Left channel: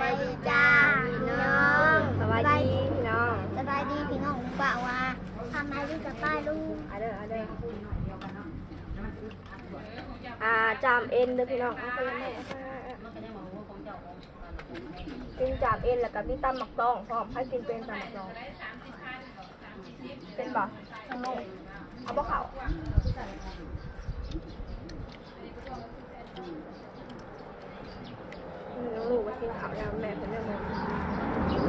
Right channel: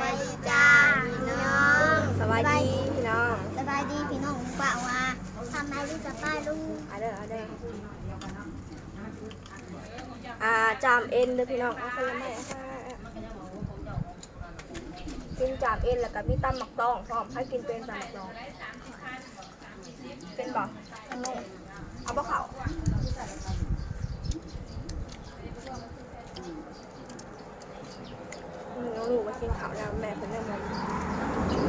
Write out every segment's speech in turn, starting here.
บายดีจ้าพี่น้องสบายดีพี่น้องสบายดีพี่น้องป่าว่าทำไมดีกับป้าลุงเอาเด้อเอาเด้ออ่าจามเอ็นเด้อพี่น้องเอาคนละไม้เอาคนละไม้เอากินจามเอ็นแล้วก็มีตำหมักตองพร้อมให้กินเป็นตำหมักตอง เป็นบ่เอาลงเอาบ่เขา อืมน้องลูกมากินข้าวแล้วแม่เป็นเรื่องมอง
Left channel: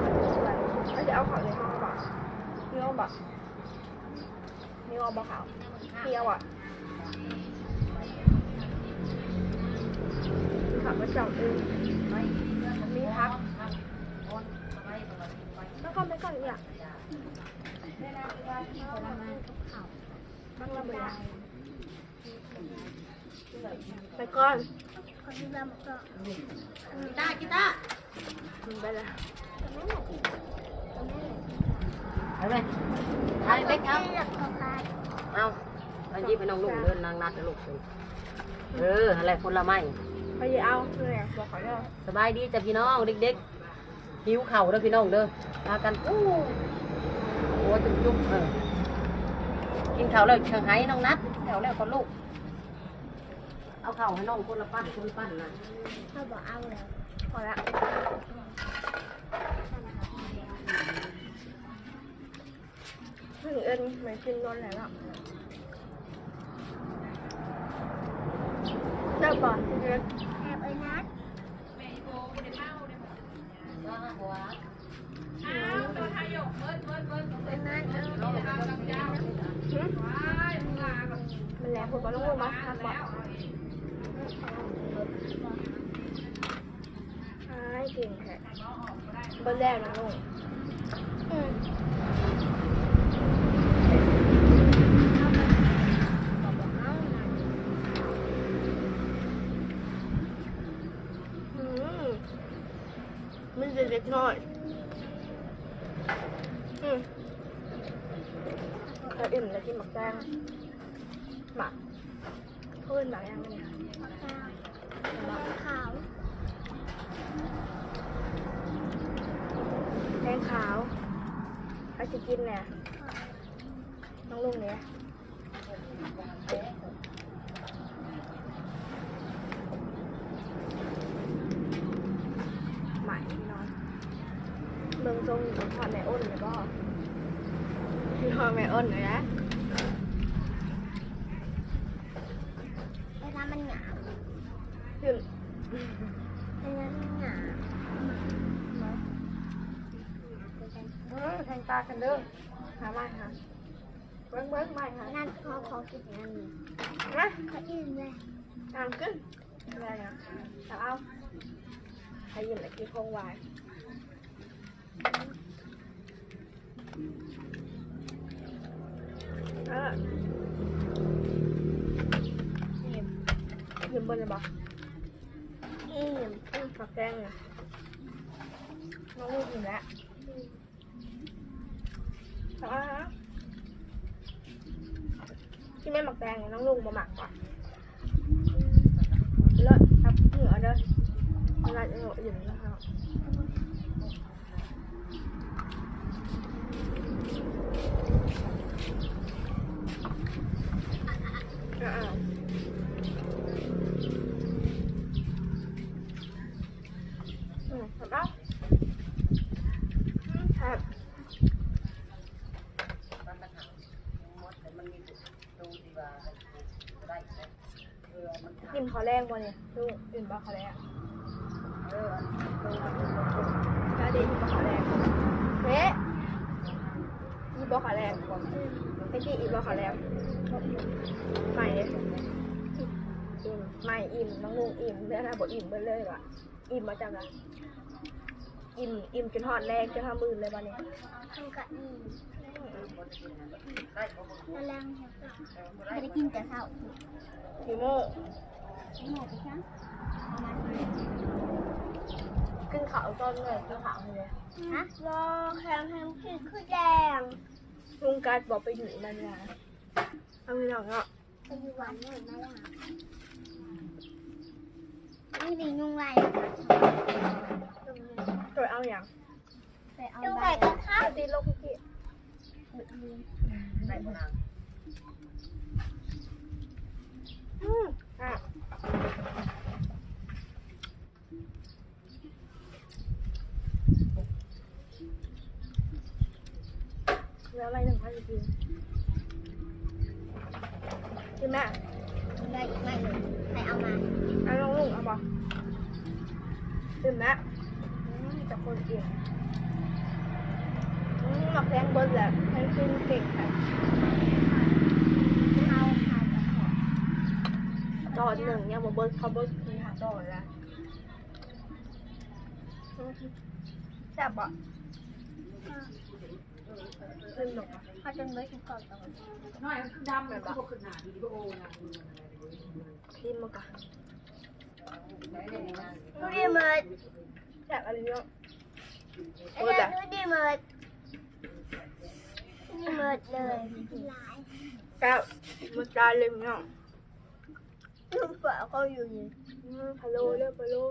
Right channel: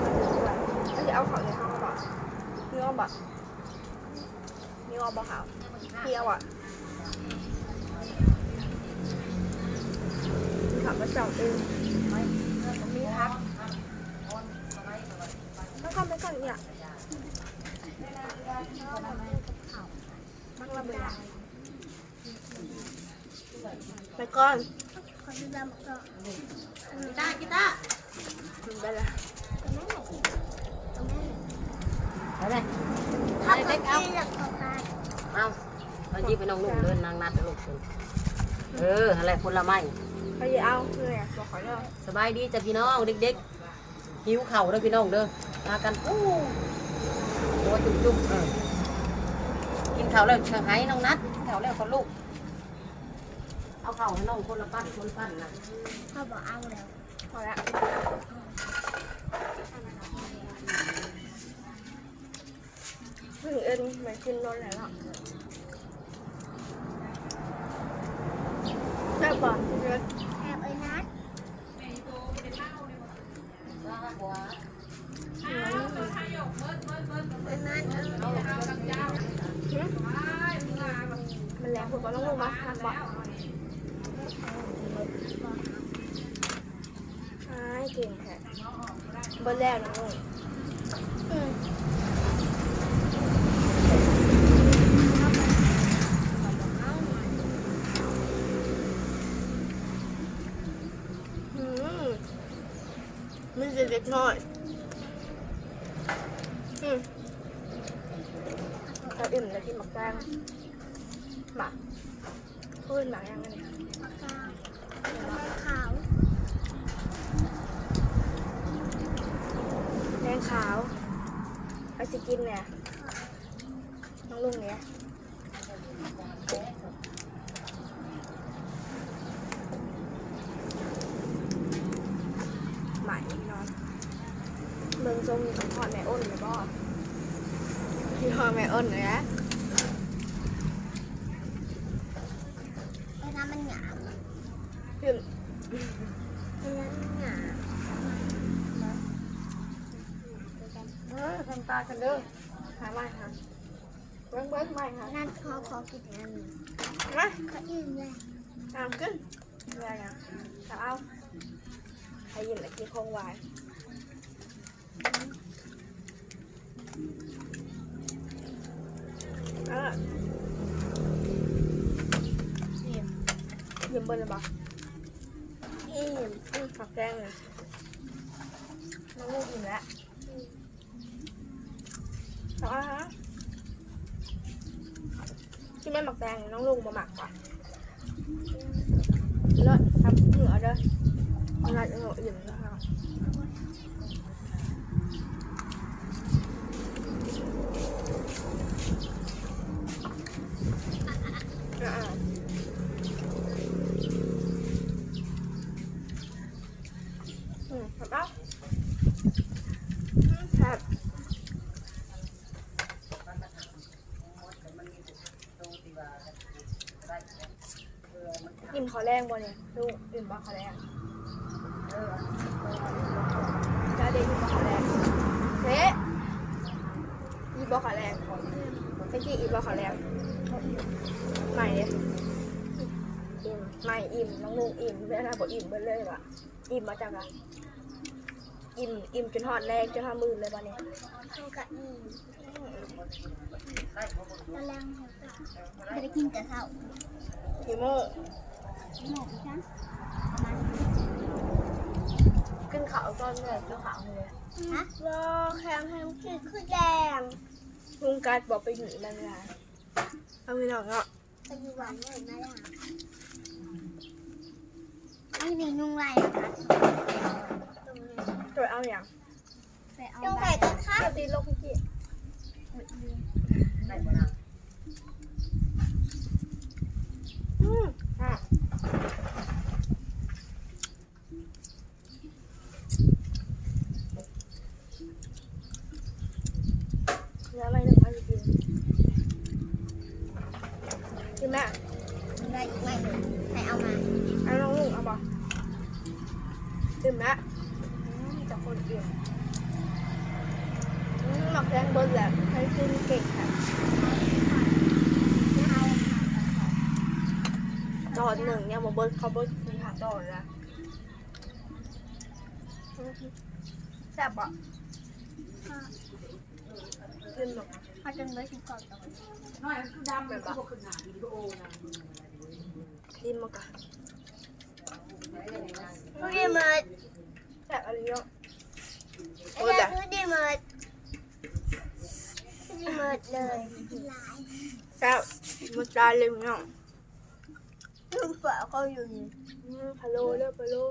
มาถึงด้วยแล้วจะเอาข้าวในห้องบ่เนื้อบ่มีวอลบอขาวเปรี้ยวอะมีผักกระจอกอึงมีพักแล้วก็ไม่สั่งเนี่ยบ้างละเบือไปก่อนขอดูแลหมดก่อน กีตาร์ถึงไปละเอาเลยถ้าเกิดที่หลักของใครเอาตอนนี้ไปน้องนุ่งเดินนางนัดลูกเดินเอออะไรคนละไม้ไปเอาเพื่อบอกขอเนาะสบายดีจ้ะพี่น้องเด็กๆหิวเข่าวเด้อพี่น้องเด้อมากันโอ้โหตุ่มจุ่มเออกินข้าวแล้วเชิงไห้น้องนัดกินข้าวแล้วคนลูก เอาเข้าให้น้องคนละปั้นคนปั้นนะเขาบอกเอาเลยพอละถึงเอ็นเหมือนกินนอนแล้วเลิกป่ะพี่เล็กแอบไอ้นัดไอ้นัดเออ มันแรงผมก็ต้องลงมาพักบ่อนใช่เก่งค่เบอร์แรกน้องลุงอืมเอาไปเขาบอกเอามาอืมมันจะเด็ดน้อยอืมแต่อิ่มแล้วกินหมักแดง หมักขึ้นหมักยังไงปากกาแดงขาวแดงขาวไปสิกินเนี่ยน้องลุงเนี่ยหมายนอนเมืองทรงอยู่ทอดแม่อ้นเลยบ่พี่ทอดแม่อ้นเลยนะ เวลา มันหนาวพี่เวลามันหนาวเออทำตากันเด้อหาไม่ค่ะเบิ้งเบิ้งไม่ค่ะนั่นขอขอกินอันนี้มาขาอิ่มเลยตามขึ้นอะไรนะตามเอาใครยินแล้วที่คงไว้อะยิ้ม ยิ้มบนเลยบ่อิ่มอืมฝักแดงเลยน้องลูกอิ่มแล้วต่อฮะที่ไม่หมักแดงน้องลุงมาหมักก่อนเลิศครับเหนือเด้ออะไรเหนืออิ่มแล้วค่ะอ่าอืมครับเอาครับ อิ่มขอแรงบ่เนี่ยลูกอิ่มบ่ขอแรงกาเดนอิ่มบ่ขอแรงเฮ้อิ่มบ่ขอแรงเมื่อกี้อิ่มบ่ขอแรงใหม่เลยอิ่มใหม่อิ่มน้องลุงอิ่มเพื่อนนะบอกอิ่มเบิดเลยว่ะอิ่มมาจากอะอิ่มอิ่มจนหอดแรงจนห้ามื่นเลยบ่เนี่ยเขาก็อิ่มกำลังไม่ได้กินแต่ข้าวกี่โมงหมดจ้ะประมาณ ขึ้นเขาตอนเหนื่อยขึ้นเขาเลยฮะรอแคมแฮมคือคือแดงลุงการดบอกไปอยู่บางอย่างเอาพี่น้องเนาะไปอยู่หวานเลยมาแล้วนี่มีนุ่งลายนะคะตรงนี้อย่างไปเอาต้องใบไก่กระทะตีลงพี่ไหนบ่นางอืมอะแล้วอะไรหนึ่งพันกินกินแม่ ได้อีกไม่เลยไปเอามาเอาลองลุงเอาบอกกินแม่อืมจะคนเดียวอืมหมักแพงเบิ้ลแหละให้กินเก่งค่ะเอาค่ะกระเพาะตอนหนึ่งเนี่ยมาเบิ้ลเขาเบิ้ลคือหาตอนละอืมแซ่บอะขึ้นหรอกนะเขาจนเบิร์ดก่อนตอนน้อยคือดำมันก็บ่ขึ้นหน้าวิดีโอนะกินมา ก่อนดูดิเมิร์ดแซ่บอะไรเนาะไอ้เจ้ดูดิเมิร์ดดูดิเมิร์ดเลยกินหลายแซ่บมันตายเลยเนาะลูกเปล่าเขาอยู่นี่อืมพะโล้เด้อพะโล้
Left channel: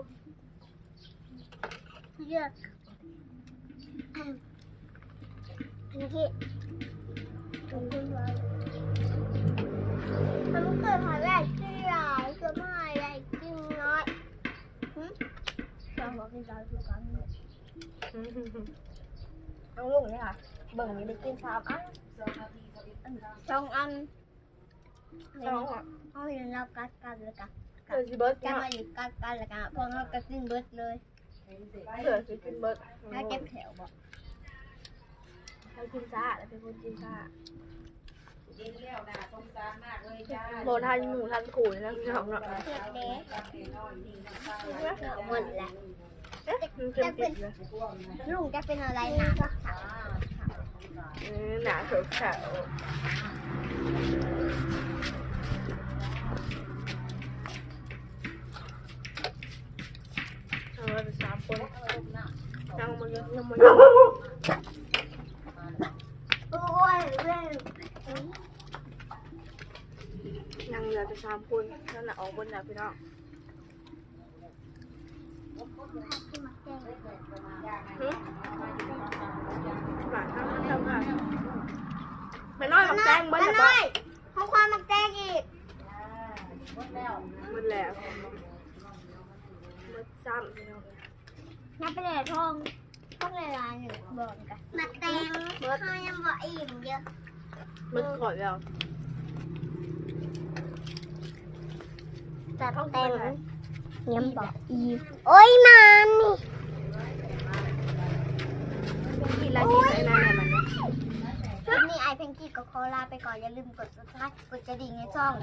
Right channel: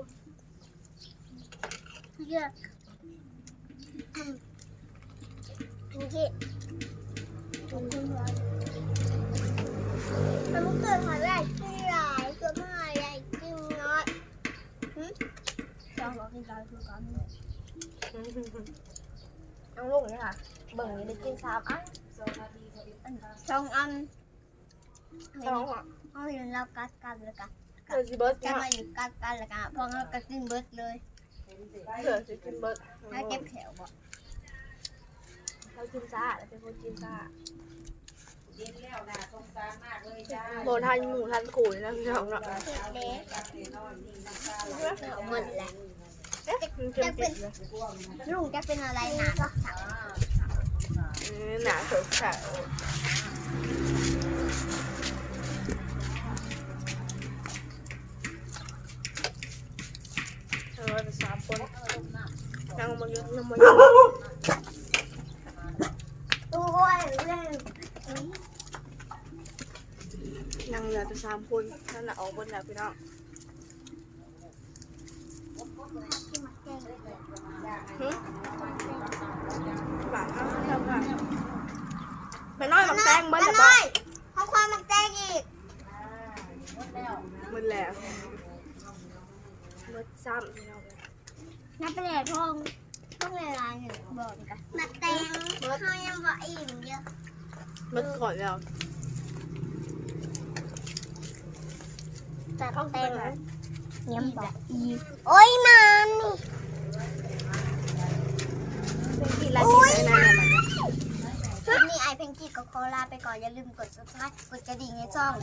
เยอะนี่ที่ขอบคุณว่าทำเกิดหอแรกกินหลายเกิด มาหอยแรกินน้อยหืมจองบอกกินหลายคือกันเอาลูกนี่ค่ะเบิ่งนี่ได้กินสามอันสองอันสองอะเอาอยู่เรากัดกันเลยกันเผื่อสิเบิร์ดจะมาอยู่กัดกันเลยกันพอเราก็กินเบิร์ดเลยเผื่อสิกินเบิร์ดไม่เจ็บแถวบอกเรากินซ่าเราเป็นคนกินซ่า เย็นแล้วนะสงสารมากเลยจ้าโบทันหมูทันขู่นะพี่น้องเนาะเจ็บเด็กหมดแหละเอ๊ะมันเจ็บติดเลยลุงจะเป็นอะไรหนาก็เสาอืมหนาเขียวขาวเอาเราไปสามคนนั่งมาเยอะนั่งมาเยอะ โอ้ยเรื่อง นั่งเรือไป สามคนนั่นแหละออกบนแล้วพี่น้องพาที่มาแกงหึหลานข้าวข้าวข้าวมันน้อยมันแตงมันมาแบบหน่ว่าอยเขาควายมาแกงอีกมันแล้วมันซ้ำพี่น้องเลยนับไปเลยทองต้องเวลาหนึ่งบอกกันมาแตงเขายังบอกอิ่มเยอะมันก่อนแล้ว จัดต้องแตเปิงดเลยยังบอกอิ่มโอ้ยนานนี่เป็นที่ไรกินอะไรนั่นน่ะมันเนี่ยคลิปนี้ไอเพงกี้ก็ขอลาไปก่อนอย่าลืมกด subscribe กดกระดิ่งในช่อง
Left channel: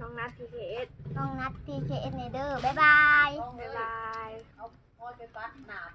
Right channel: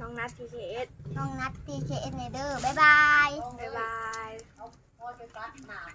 น้องนัททีเคเอสน้องนัท TKN เดอร์บ๊ายบาย บ๊ายบาย